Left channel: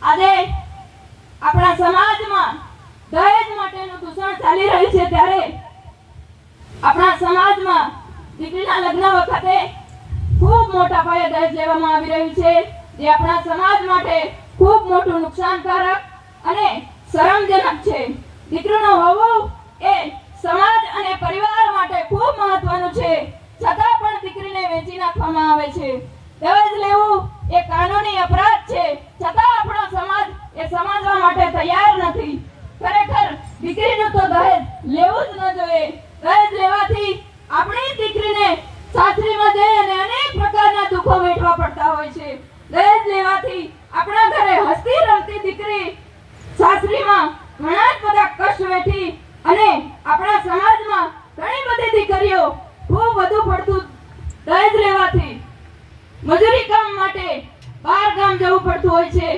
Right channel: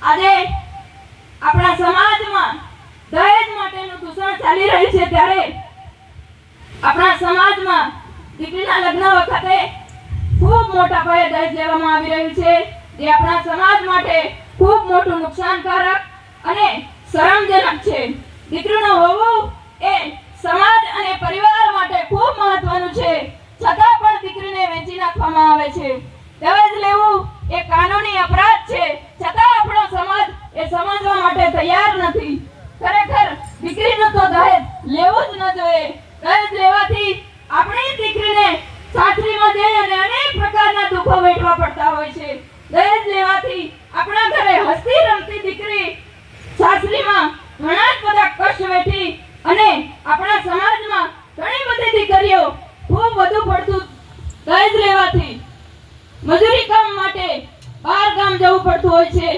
આજે આપણા સમાજમાં દહેજ માટેનું દૂષણ ચાલી રહ્યું છે ત્યારે આપણા સમાજમાં દીકરીના લગ્ન વખતે ખૂબ મોટા પાયે દહેજ લેવામાં આવી રહ્યું છે, જે આપણા સમાજ માટે ખૂબ મોટું નુકસાનકારક અને શરમજનક છે. દીકરીનું હોવું એ સમાજ અને પરિવાર માટે ખૂબ મહત્વનું છે, છતાં પણ દીકરીને વેચી નાખવામાં આવે છે. દહેજ લેવું એ કાનૂની અપરાધ છે, છતાં આપણો સમાજ એ સમજવા માટે તૈયાર નથી. ખરેખર દીકરીનું તો દહેજ લેવું જ ન જોઈએ. દહેજ લેવાથી આપણી દીકરીને સાસરીમાં જઈ અને અનેક પ્રકારના દુઃખો વેઠવા પડતા હોય છે. દહેજ લેવાથી આપણા ઘરે હસતી રમતી દીકરી સાસરીમાં ઘણા જ બધા કષ્ટ વેઠી અને આપણા સમાજમાં ઘણી બધી દીકરીઓ ખૂબ વધુ પડતું દહેજ લેવાથી મજૂરી કામ માટે બહાર ગામ જવું પડતું હોય છે.